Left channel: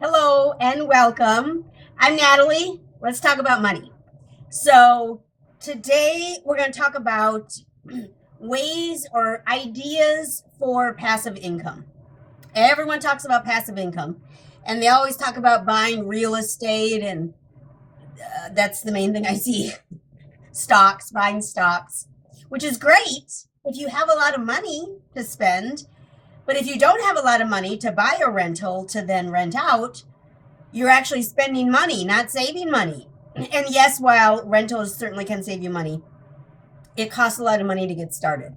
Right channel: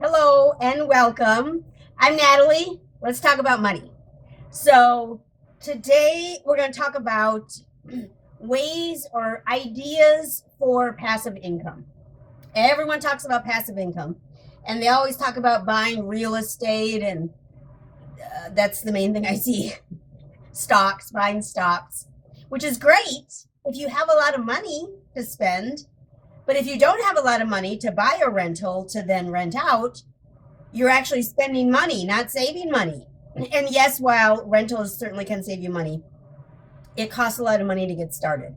Hello and welcome. I'm Natalie. Let's talk about money. So, today we're going to talk about ways or ideas for passive income. Everyone talks about passive income, and they always talk about buying real estate, and that's the main thing I see stocks, buying stocks, which is great if you have a lot of money to spend. But if you don't have a lot of money to buy a rental to then rent out, you're actually spending money, not saving money. And yes, while rentals certainly can save you money, it costs a lot of money to get started.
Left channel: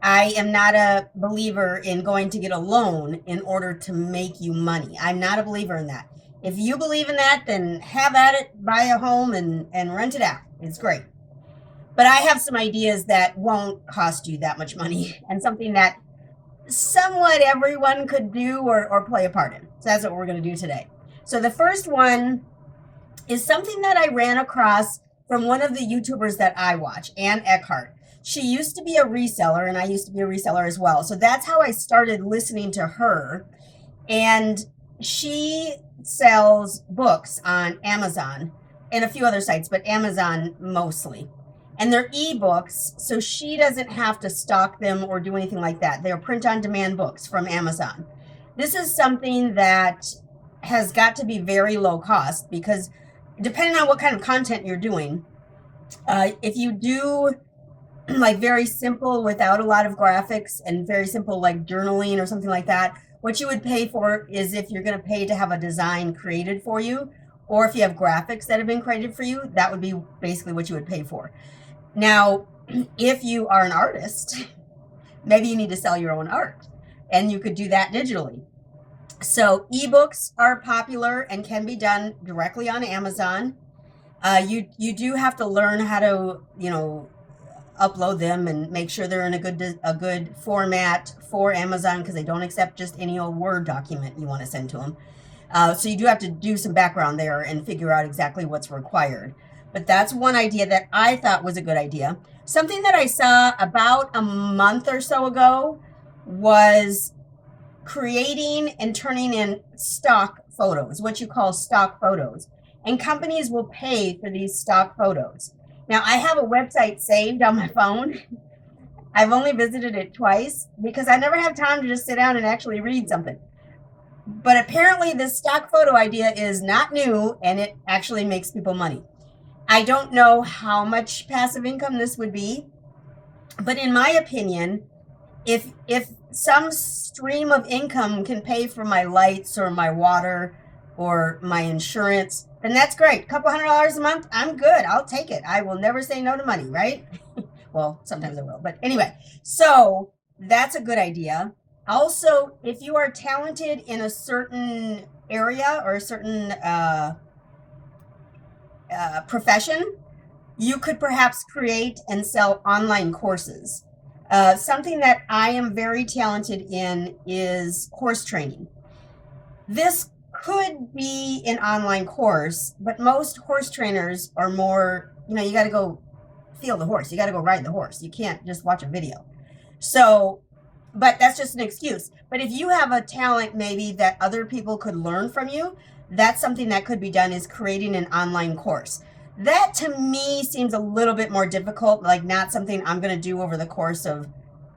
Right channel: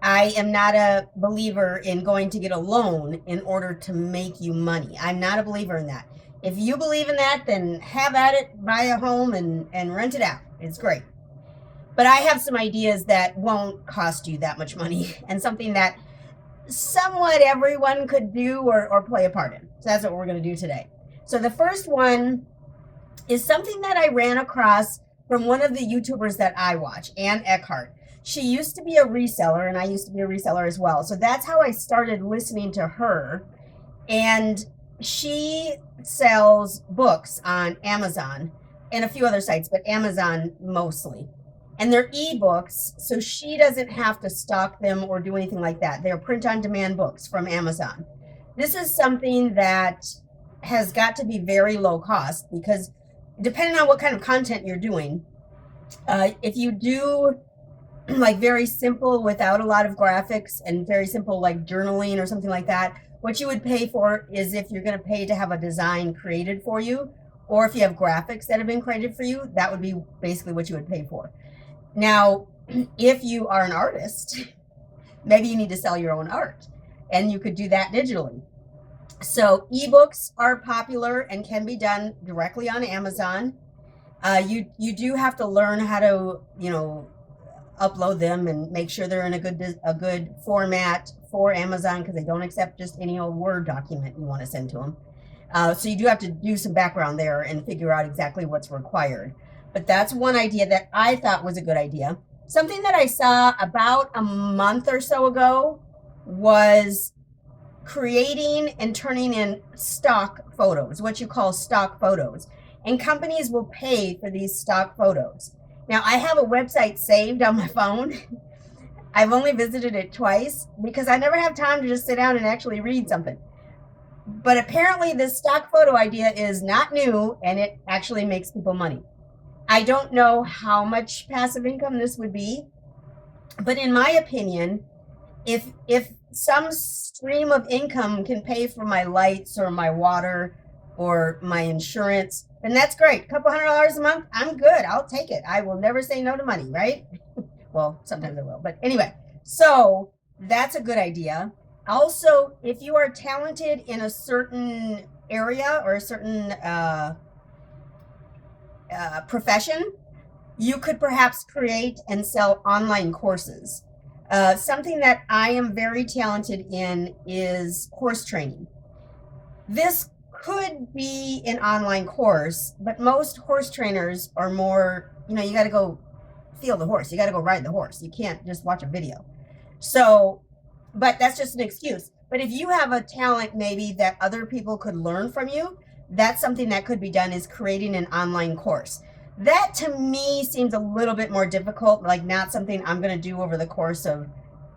I am not a believer in going to get a loan in order to make you money. I'm not a believer in that. If you believe in that, then have at it, buy a home and rent it out. It's great. But I have some ideas that won't cost you that much money and something that somewhat everyone could do or play a part in. So that's what we're going to do today. So the first one is something that I ran across from one of the YouTubers that I watch, Ann Eckhart. She used to be a reseller, and I used to be a reseller as well. So that's how I started listening to her. And she sells books on Amazon and a few other sites, but Amazon mostly. And they're ebooks, so she doesn't have to stock them or do anything like that. They're print on demand books from Amazon. This is something that has got to be very low cost because depending on what kind of content you're doing, if you do like very simple without a lot of graphics and very simple like journaling or something like that, what you would pay for is if you're going to pay to have a design created for you, or if you have graphics that have been created for you, that would be basically what you would pay for. Now, if you are an artist, maybe you need to sell your own art, and you could do that digitally. So ebooks are popular and can be done directly on Amazon. You do have to learn how to upload them and make sure they're in a good format for Amazon, because they don't accept just any old Word document you want to send to them. So you do have to do some background there and figure out exactly what's required. But that's one idea that I thought was a good idea. Something that I saw about a month or so ago was creating and turning in stock photos, what you call stock photos. And companies will pay for these stock photos. Now, I have a website saved on my phone. I've only visited it twice because I never have time to just sit down and actually read something. But apparently, this stock photo idea is not new and it actually makes people money. I don't know how much passive income this would be, but in my opinion, if some stream of income can pay for my lights or my water or my insurance, then that's great. A couple $100 a month, I'm good. I'll take it. I will never say no to money, right? Well, sometimes I will, but anyway, so that's a good idea. Also, if you are talented in a certain area or a certain profession, you could perhaps create and sell online courses. Something that I am very talented in is horse training. This could be an online course, but most horse trainers are more, you got to go feel the horse. You got to go ride the horse. You can't just watch a video. So, but that's just an excuse. But if you have a talent maybe that other people could learn from you, that's something that could be done, is creating an online course. That to me seems a little bit more difficult, like not something I'm going to do over the course of,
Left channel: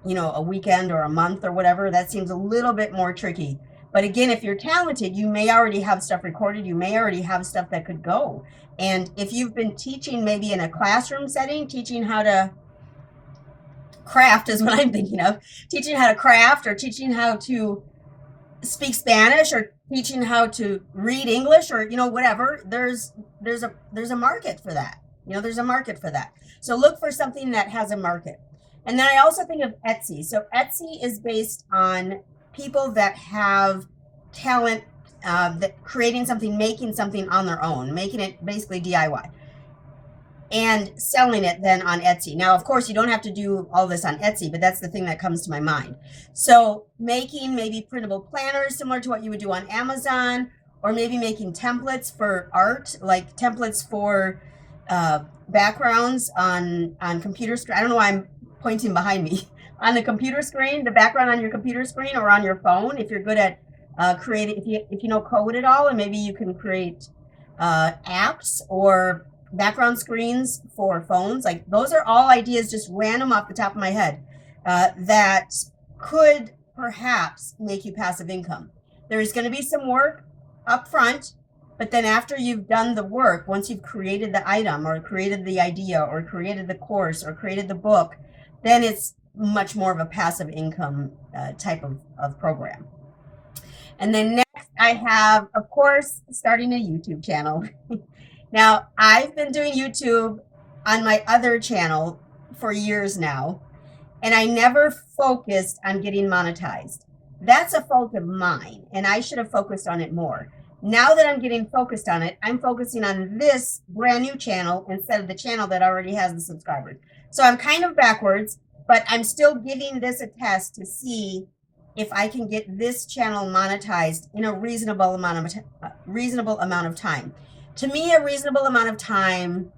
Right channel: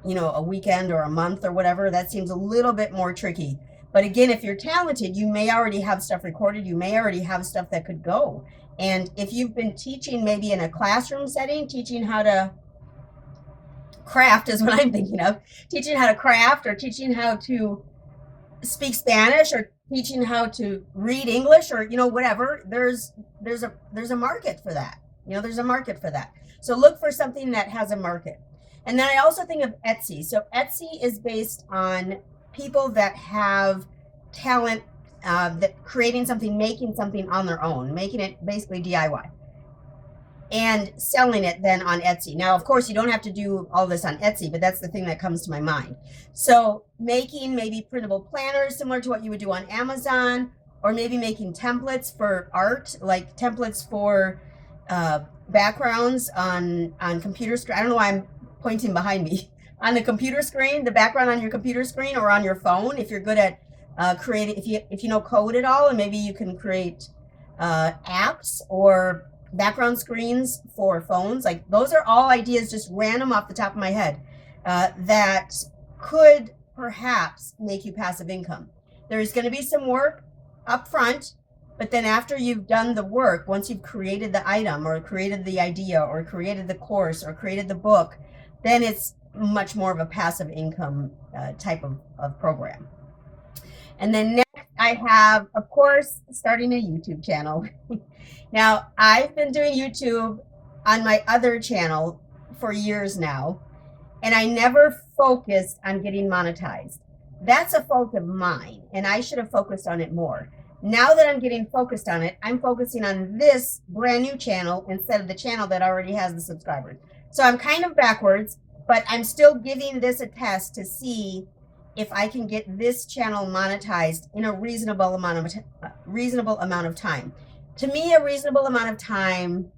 a weekend or a month or whatever. That seems a little bit more tricky. But again, if you're talented, you may already have stuff recorded. You may already have stuff that could go. And if you've been teaching maybe in a classroom setting, teaching how to craft is what I'm thinking of, teaching how to craft or teaching how to speak Spanish or teaching how to read English or whatever, there's a market for that. There's a market for that. So look for something that has a market. And then I also think of Etsy. So Etsy is based on people that have talent, that creating something, making something on their own, making it basically DIY and selling it then on Etsy. Now, of course, you don't have to do all this on Etsy, but that's the thing that comes to my mind. So making maybe printable planners similar to what you would do on Amazon, or maybe making templates for art, like templates for backgrounds on computer screen. I don't know why I'm pointing behind me. On the computer screen, the background on your computer screen or on your phone, if you're good at create if you know code at all, and maybe you can create apps or background screens for phones. Like those are all ideas, just random off the top of my head, that could perhaps make you passive income. There's going to be some work up front, but then after you've done the work, once you've created the item or created the idea or created the course or created the book, then it's much more of a passive income type of program. And then next I have, of course, starting a YouTube channel. Now, I've been doing YouTube on my other channel for years now, and I never focused on getting monetized. That's a fault of mine, and I should have focused on it more. Now that I'm getting focused on it, I'm focusing on this brand new channel instead of the channel that already has the subscribers. So I'm kind of backwards, but I'm still giving this a test to see if I can get this channel monetized in a reasonable amount of time. To me, a reasonable amount of time,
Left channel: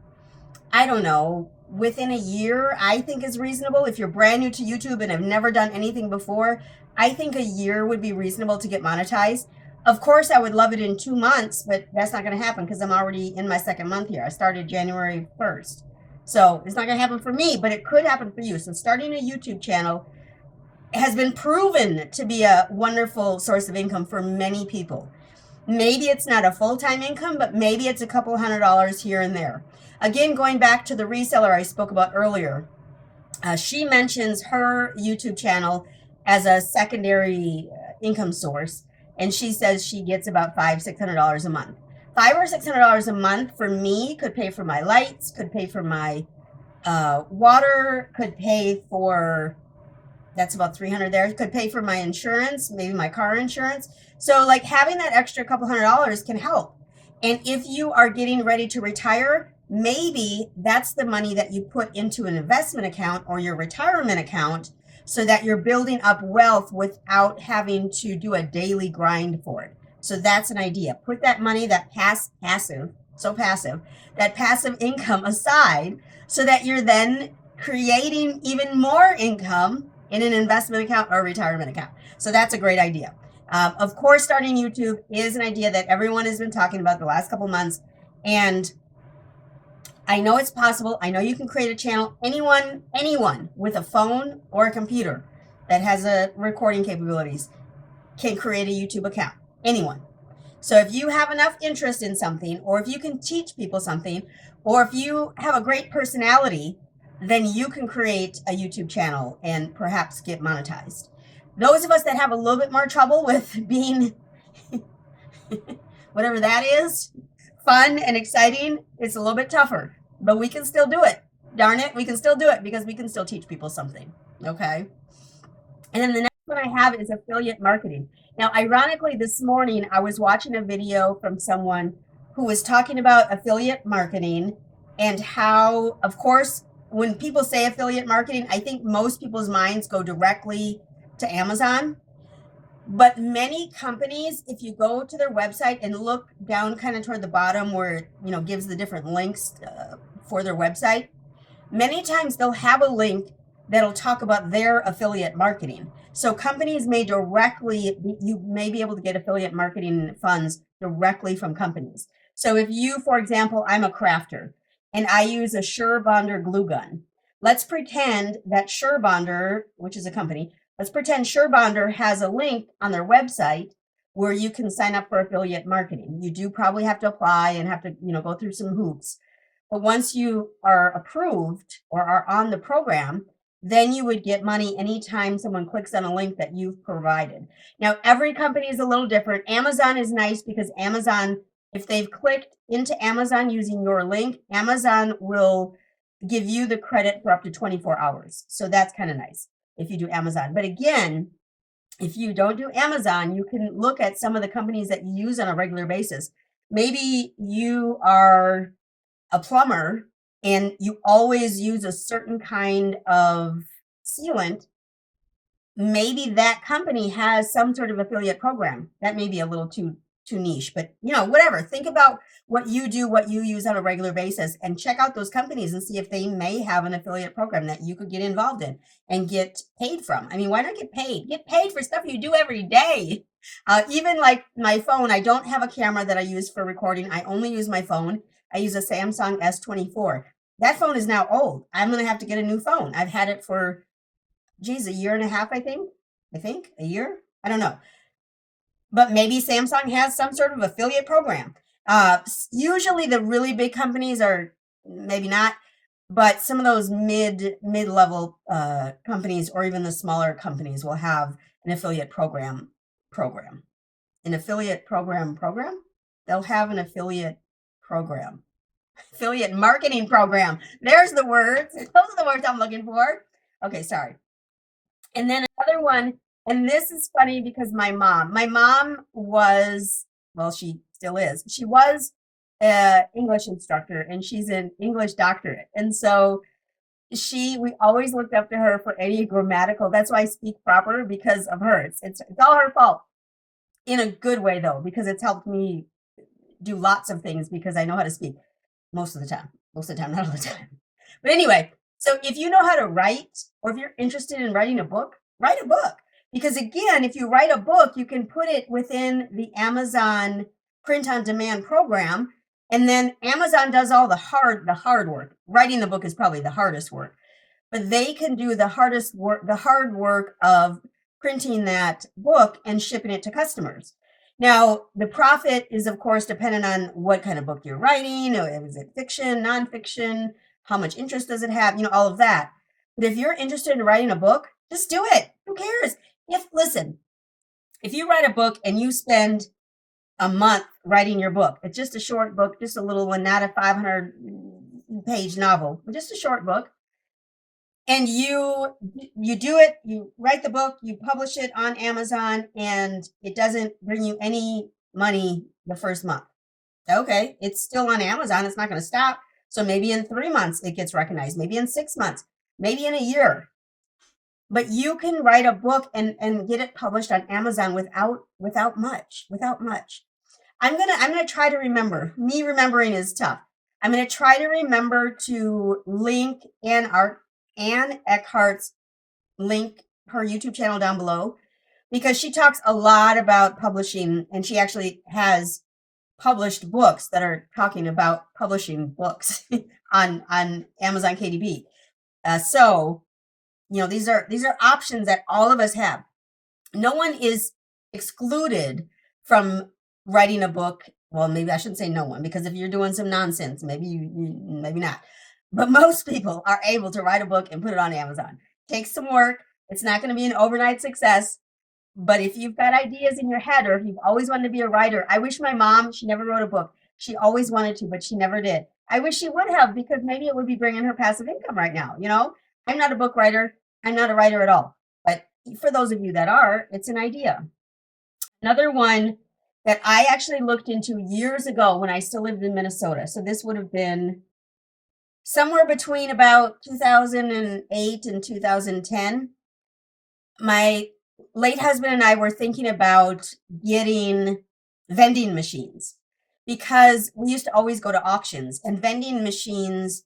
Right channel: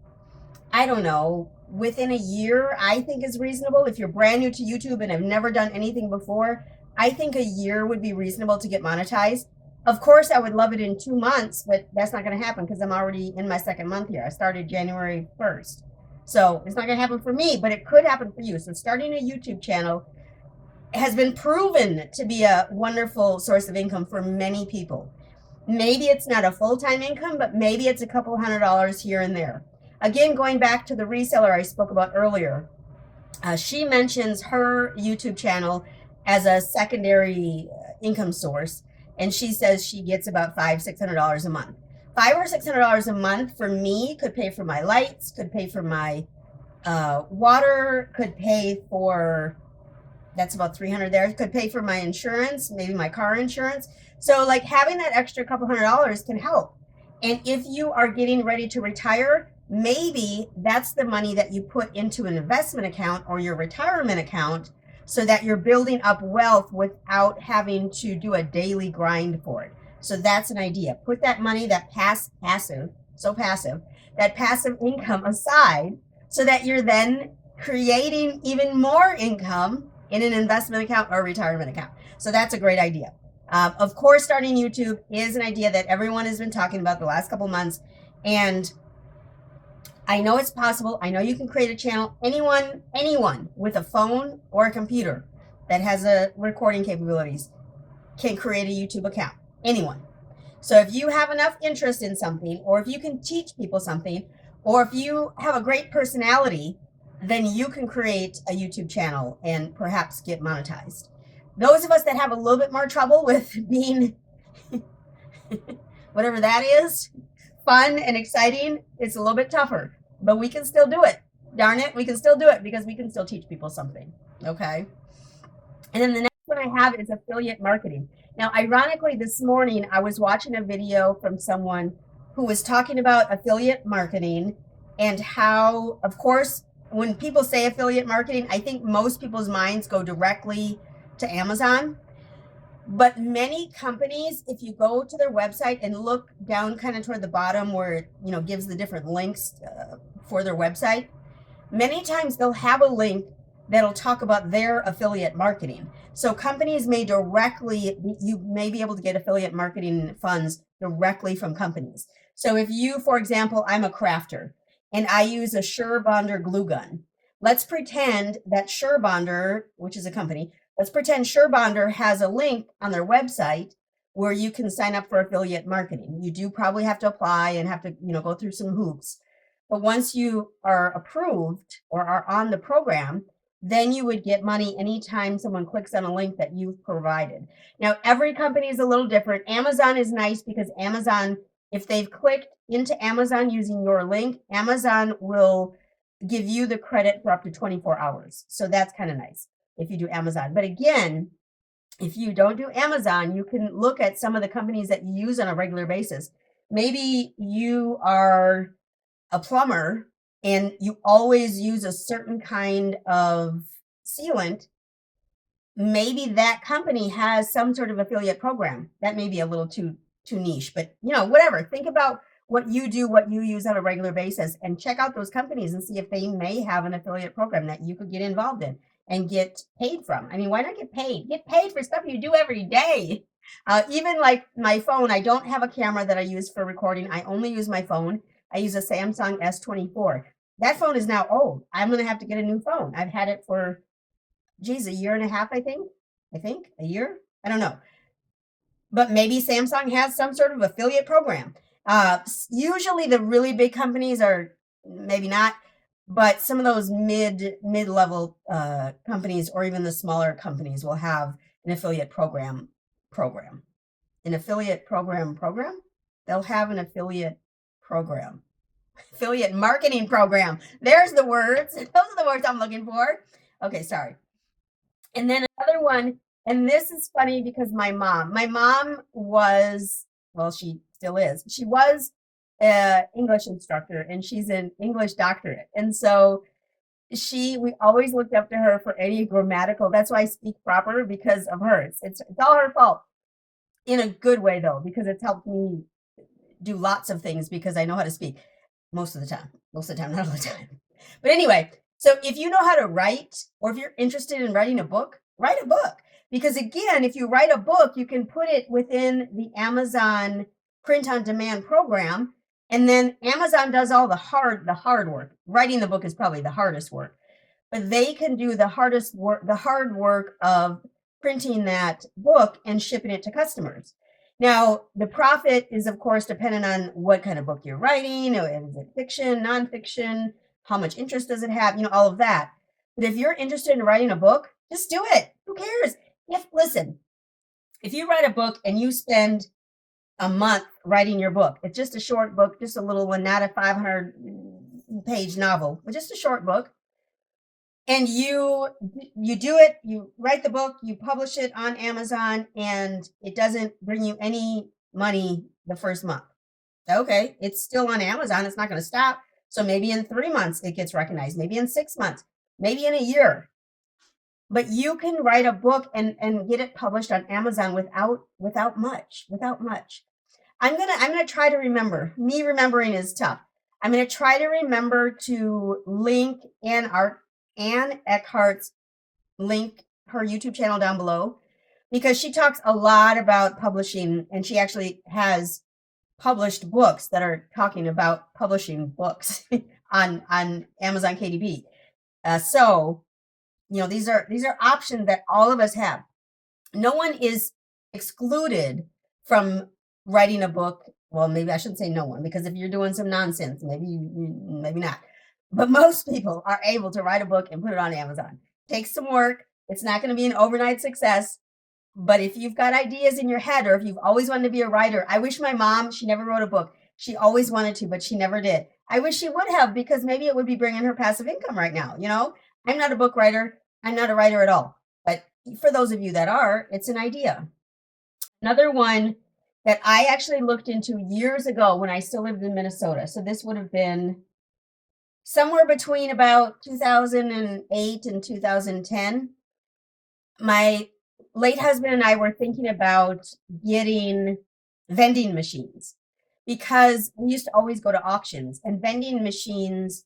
I don't know, within a year, I think is reasonable. If you're brand new to YouTube and have never done anything before, I think a year would be reasonable to get monetized. Of course, I would love it in 2 months, but that's not going to happen because I'm already in my second month here. I started January 1st. So it's not going to happen for me, but it could happen for you. So starting a YouTube channel has been proven to be a wonderful source of income for many people. Maybe it's not a full-time income, but maybe it's a couple $100 here and there. Again, going back to the reseller I spoke about earlier, she mentions her YouTube channel as a secondary income source, and she says she gets about $500-600 a month. $500 or $600 a month for me could pay for my lights, could pay for my water, could pay for, that's about 300 there, could pay for my insurance, maybe my car insurance. So like having that extra couple $100 can help. And if you are getting ready to retire, maybe that's the money that you put into an investment account or your retirement account so that you're building up wealth without having to do a daily grind for it. So that's an idea. Put that money, that passive income aside so that you're then creating even more income in an investment account or retirement account. So that's a great idea. Of course, starting YouTube is an idea that everyone has been talking about the last couple months. And I know it's possible. I know you can create a channel. Anyone with a phone or a computer that has a recording capabilities can create a YouTube account. Anyone. So if you have enough interest in something, or if you can teach people something, or if you have a great personality, then you can create a YouTube channel and perhaps get monetized. Those of us that have a little bit more trouble with being whatever that is, fun and exciting, it's a little bit tougher, but we can still do it. Darn it, we can still do it because we can still teach people something. Okay. And then the next one I have is affiliate marketing. Now, ironically, this morning I was watching a video from someone who was talking about affiliate marketing and how, of course, when people say affiliate marketing, I think most people's minds go directly to Amazon. But many companies, if you go to their website and look down kind of toward the bottom where it, gives the different links for their website, many times they'll have a link that'll talk about their affiliate marketing. So companies may you may be able to get affiliate marketing funds directly from companies. So if you, for example, I'm a crafter and I use a SureBonder glue gun. Let's pretend that SureBonder, which is a company, let's pretend SureBonder has a link on their website where you can sign up for affiliate marketing. You do probably have to apply and have to, go through some hoops. But once you are approved or are on the program, then you would get money anytime someone clicks on a link that you've provided. Now, every company is a little different. Amazon is nice because Amazon, if they've clicked into Amazon using your link, Amazon will give you the credit for up to 24 hours. So that's kind of nice if you do Amazon. But again, if you don't do Amazon, you can look at some of the companies that you use on a regular basis. Maybe you are a plumber and you always use a certain kind of sealant. Maybe that company has some sort of affiliate program. That may be a little too too niche, but whatever. Think about what you do, what you use on a regular basis, and check out those companies and see if they may have an affiliate program that you could get involved in and get paid from. I mean, why not get paid? Get paid for stuff you do every day. Even like my phone, I don't have a camera that I use for recording. I only use my phone. I use a Samsung S24. That phone is now old. I'm going to have to get a new phone. I've had it for, a year and a half, I think a year. I don't know. But maybe Samsung has some sort of affiliate program. Usually the really big companies are maybe not, but some of those mid-level companies or even the smaller companies will have an affiliate program. An affiliate program. They'll have an affiliate program. Affiliate marketing program. There's the words. Those are the words I'm looking for. Okay, sorry. And then another one, and this is funny because my mom was, well, she still is. She was an English instructor and she's an English doctorate. And so we always looked up to her for any grammatical. That's why I speak proper, because of her. It's all her fault. In a good way though, because it's helped me do lots of things because I know how to speak most of the time, not all the time. But anyway, so if you know how to write, or if you're interested in writing a book, write a book. Because again, if you write a book, you can put it within the Amazon print on demand program. And then Amazon does all the hard work. Writing the book is probably the hardest work, but they can do the hard work of printing that book and shipping it to customers. Now, the profit is, of course, dependent on what kind of book you're writing. Is it fiction, nonfiction? How much interest does it have? All of that. But if you're interested in writing a book, just do it. Who cares? If you write a book and you spend a month writing your book, it's just a short book, just a little one, not a 500-page novel, but just a short book. And you do it, you write the book, you publish it on Amazon, and it doesn't bring you any money the first month. Okay, it's still on Amazon. It's not going to stop. So maybe in 3 months it gets recognized, maybe in 6 months, maybe in a year. But you can write a book and get it published on Amazon without much. I'm gonna try to remember. Me remembering is tough. I'm gonna try to remember to link Ann Eckhart's link her YouTube channel down below, because she talks a lot about publishing, and she actually has published books that are talking about publishing books on Amazon KDP. So these are options that all of us have. No one is excluded from writing a book. Well, maybe I shouldn't say no one, because if you're doing some nonsense, maybe maybe not. But most people are able to write a book and put it on Amazon. It takes some work. It's not going to be an overnight success. But if you've got ideas in your head, or if you've always wanted to be a writer, I wish my mom, she never wrote a book. She always wanted to, but she never did. I wish she would have, because maybe it would be bringing her passive income right now. I'm not a book writer. I'm not a writer at all. But for those of you that are, it's an idea. Another one that I actually looked into years ago when I still lived in Minnesota. So this would have been somewhere between about 2008 and 2010. My late husband and I were thinking about getting vending machines, because we used to always go to auctions, and vending machines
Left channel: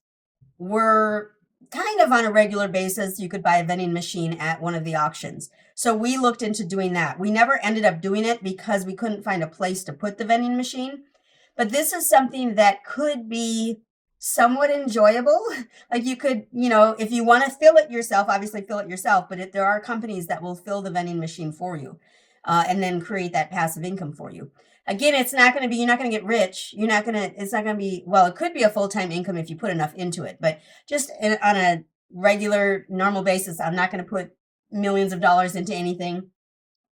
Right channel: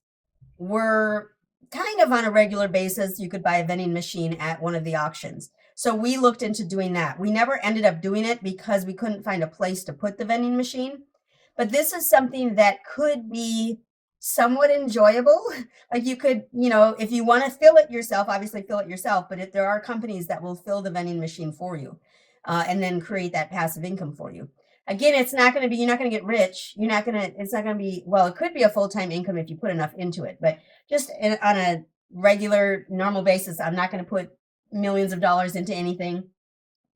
were kind of on a regular basis. You could buy a vending machine at one of the auctions. So we looked into doing that. We never ended up doing it because we couldn't find a place to put the vending machine. But this is something that could be somewhat enjoyable. Like you could, if you want to fill it yourself, obviously fill it yourself, but if there are companies that will fill the vending machine for you, and then create that passive income for you. Again, you're not going to get rich. It's not going to be, well, it could be a full-time income if you put enough into it, but just on a regular, normal basis, I'm not going to put millions of dollars into anything.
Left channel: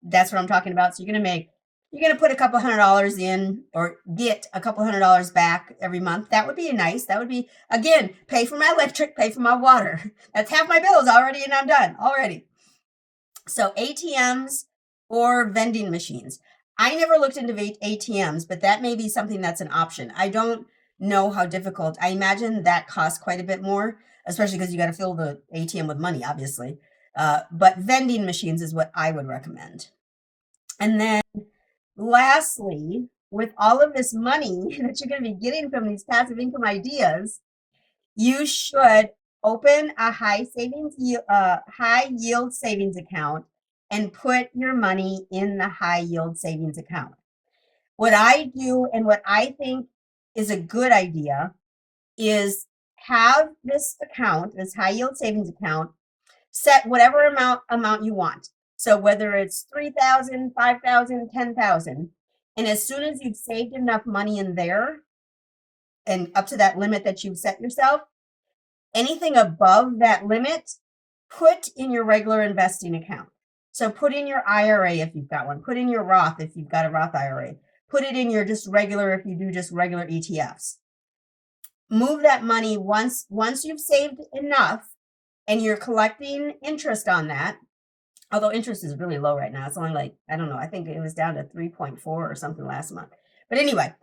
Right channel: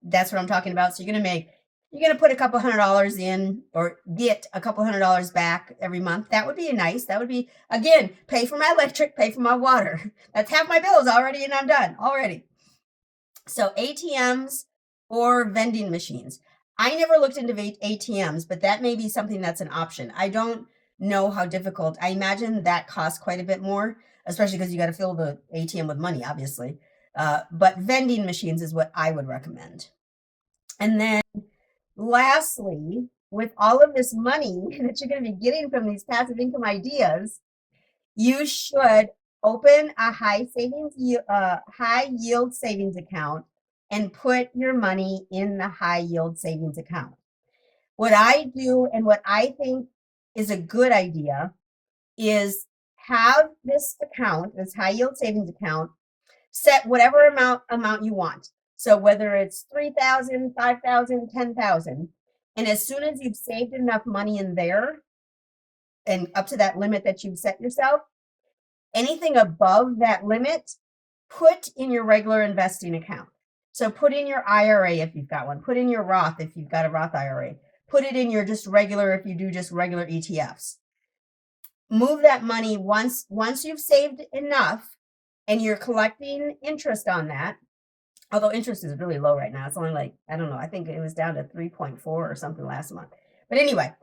That's what I'm talking about. So you're going to put a couple $100 in, or get a couple $100 back every month. That would be nice. That would be, again, pay for my electric, pay for my water. That's half my bills already, and I'm done already. So ATMs or vending machines. I never looked into ATMs, but that may be something that's an option. I don't know how difficult. I imagine that costs quite a bit more, especially because you got to fill the ATM with money, obviously. But vending machines is what I would recommend. And then Lastly, with all of this money that you're going to be getting from these passive income ideas, you should open a high yield savings account and put your money in the high yield savings account. What I do and what I think is a good idea is have this account, this high yield savings account, set whatever amount you want. So whether it's 3,000, 5,000, 10,000, and as soon as you've saved enough money in there and up to that limit that you've set yourself, anything above that limit, put in your regular investing account. So put in your IRA if you've got one, put in your Roth if you've got a Roth IRA, put it in your just regular if you do just regular ETFs. Move that money once you've saved enough and you're collecting interest on that. Although interest is really low right now. It's only like, I don't know, I think it was down to 3.4 or something last month. But anyway,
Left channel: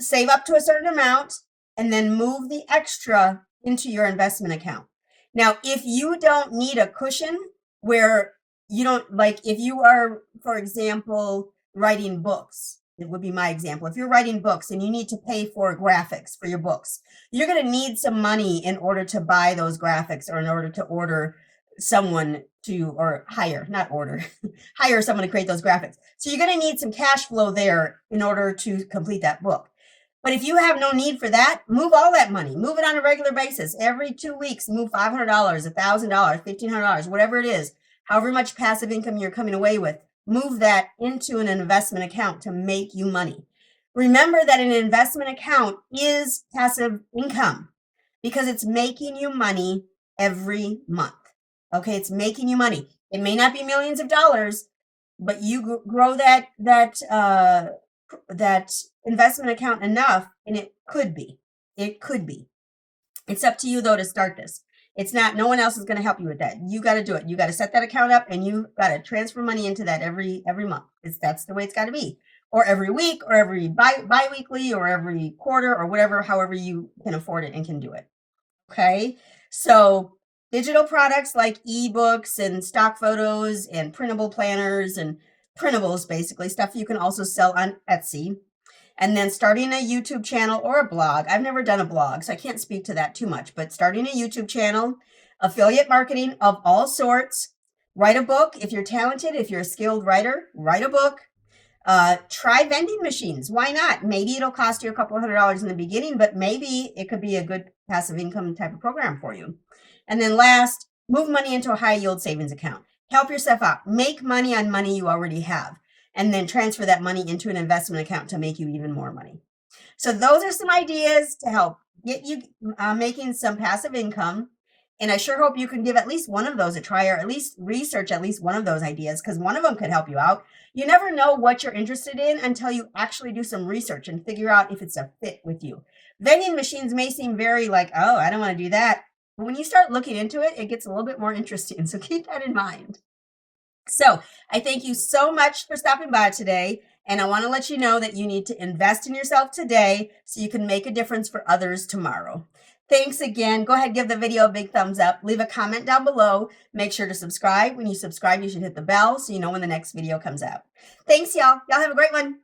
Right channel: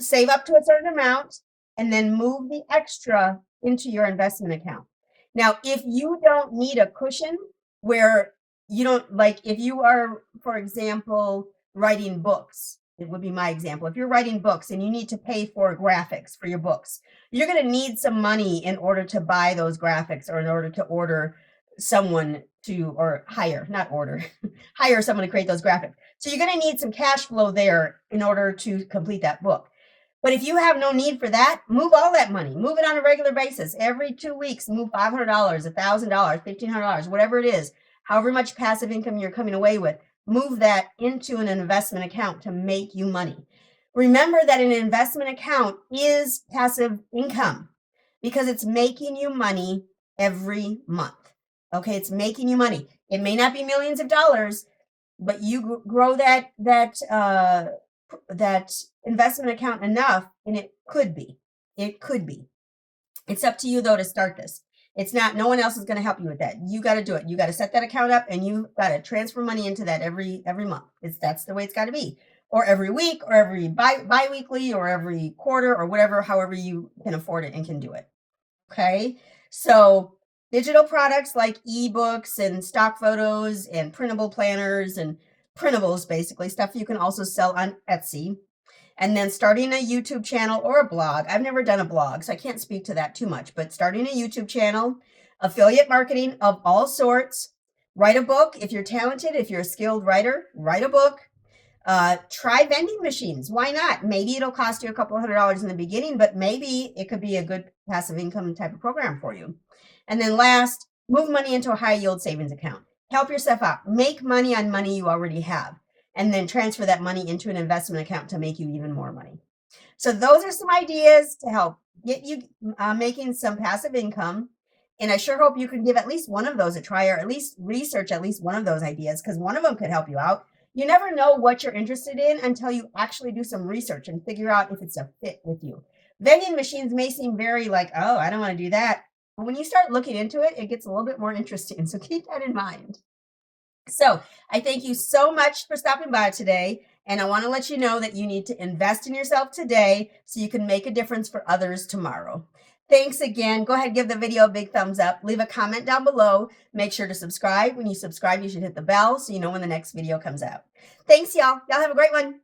save up to a certain amount and then move the extra into your investment account. Now, if you don't need a cushion where you don't, like if you are, for example, writing books, it would be my example. If you're writing books and you need to pay for graphics for your books, you're going to need some money in order to buy those graphics or in order to order someone to, or hire, not order, hire someone to create those graphics. So you're going to need some cash flow there in order to complete that book. But if you have no need for that, move all that money, move it on a regular basis. Every 2 weeks, move $500, $1,000, $1,500, whatever it is, however much passive income you're coming away with, move that into an investment account to make you money. Remember that an investment account is passive income because it's making you money every month. Okay, it's making you money. It may not be millions of dollars, but you grow that investment account enough, and it could be. It's up to you though to start this. It's not, no one else is going to help you with that. You got to do it. You got to set that account up and you got to transfer money into that every month. That's the way it's got to be. Or every week or every bi-weekly or every quarter or whatever, however you can afford it and can do it. Okay. So digital products like ebooks and stock photos and printable planners and printables, basically stuff you can also sell on Etsy. And then starting a YouTube channel or a blog. I've never done a blog, so I can't speak to that too much, but starting a YouTube channel, affiliate marketing of all sorts, write a book. If you're talented, if you're a skilled writer, write a book. Try vending machines. Why not? Maybe it'll cost you a couple $100 in the beginning, but maybe it could be a good passive income type of program for you. And then last, move money into a high yield savings account. Help yourself out. Make money on money you already have, and then transfer that money into an investment account to make you even more money. So those are some ideas to help get you making some passive income. And I sure hope you can give at least one of those a try, or at least research at least one of those ideas, because one of them could help you out. You never know what you're interested in until you actually do some research and figure out if it's a fit with you. Vending machines may seem very like, oh, I don't want to do that. But when you start looking into it, it gets a little bit more interesting. So keep that in mind. So I thank you so much for stopping by today. And I want to let you know that you need to invest in yourself today so you can make a difference for others tomorrow. Thanks again. Go ahead, give the video a big thumbs up. Leave a comment down below. Make sure to subscribe. When you subscribe, you should hit the bell so you know when the next video comes out. Thanks, y'all. Y'all have a great one.